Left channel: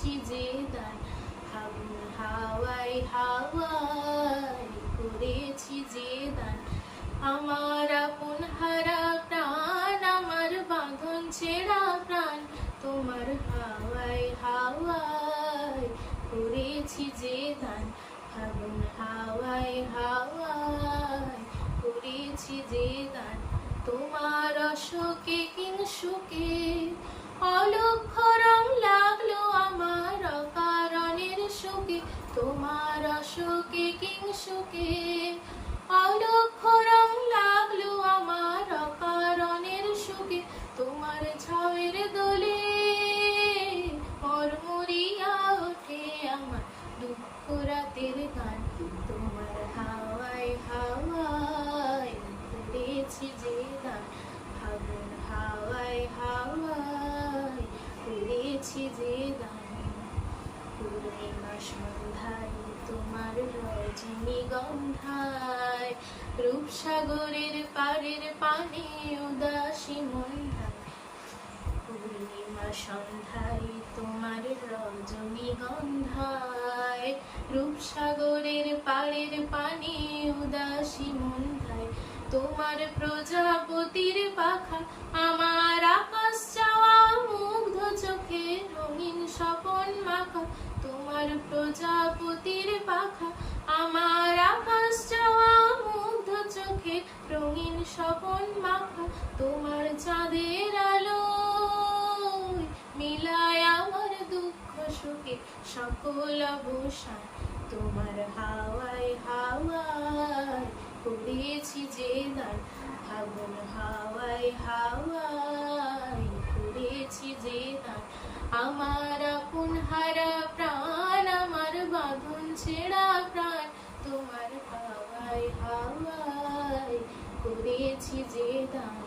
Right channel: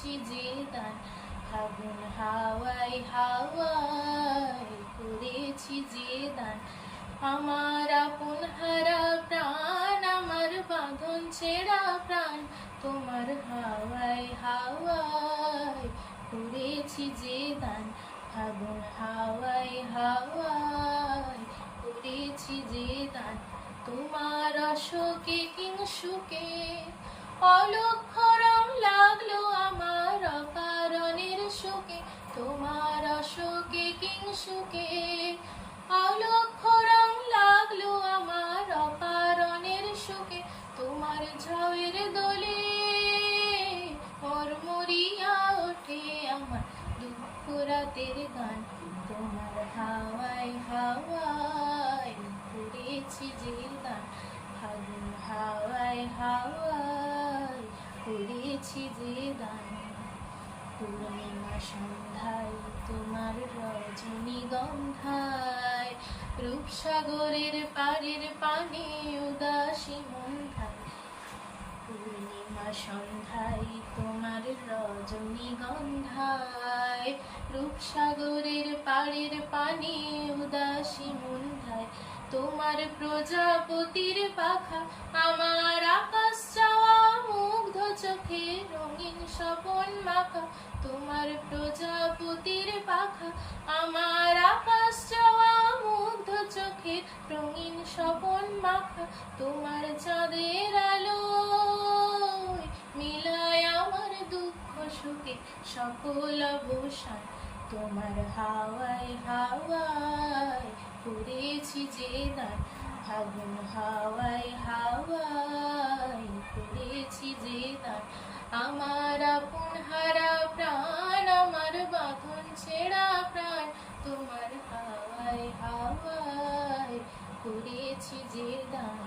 করেছি যে দান, ফাগুন হাওয়ায় হাওয়ায় করেছি যে দান। আমার আপন হারা প্রাণ, আমার বাঁধন ছেঁড়া প্রাণ, তোমার হাওয়ায় হাওয়ায় করেছি যে দান, ফাগুন হাওয়ায় হাওয়ায় করেছি যে দান। তোমার অশোকে কিংসুকে অলক্ষ রং লাগলো আমার অকারণের শোকে, তোমার অশোকে কিংসুকে অলক্ষ রং লাগলো আমার অকারণের শোকে। তোমার ঝাউয়ের দোলে মরমরিয়া ওঠে আমার দুঃখ রাতের গান, তোমার হাওয়ায় হাওয়ায় করেছি যে দান, ফাগুন হাওয়ায় হাওয়ায় করেছি যে দান। পূর্ণিমা সন্ধ্যায় তোমার রজনীগন্ধায়, রূপসাগরের পাড়ের পানে উদাসী মন্ধায়। পূর্ণিমা সন্ধ্যায় তোমার রজনীগন্ধায়, রূপসাগরের পাড়ের পানে উদাসী মন্ধায়। তোমার প্রজাপতির পাখা আমার আকাশ চাওয়া মুগ্ধ চোখে রঙিন স্বপন মাখা, তোমার প্রজাপতির পাখা আমার আকাশ চাওয়া মুগ্ধ চোখে রঙিন স্বপন মাখা। তোমার চাঁদের আলো মিলায় আমার দুঃখ সুখে সকল অবসান, তোমার হাওয়ায় হাওয়ায় করেছি যে দান, ফাগুন হাওয়ায় হাওয়ায় করেছি যে দান। আমার আপন হারা প্রাণ, আমার বাঁধন ছেঁড়া প্রাণ, তোমার হাওয়ায় হাওয়ায় করেছি যে দান।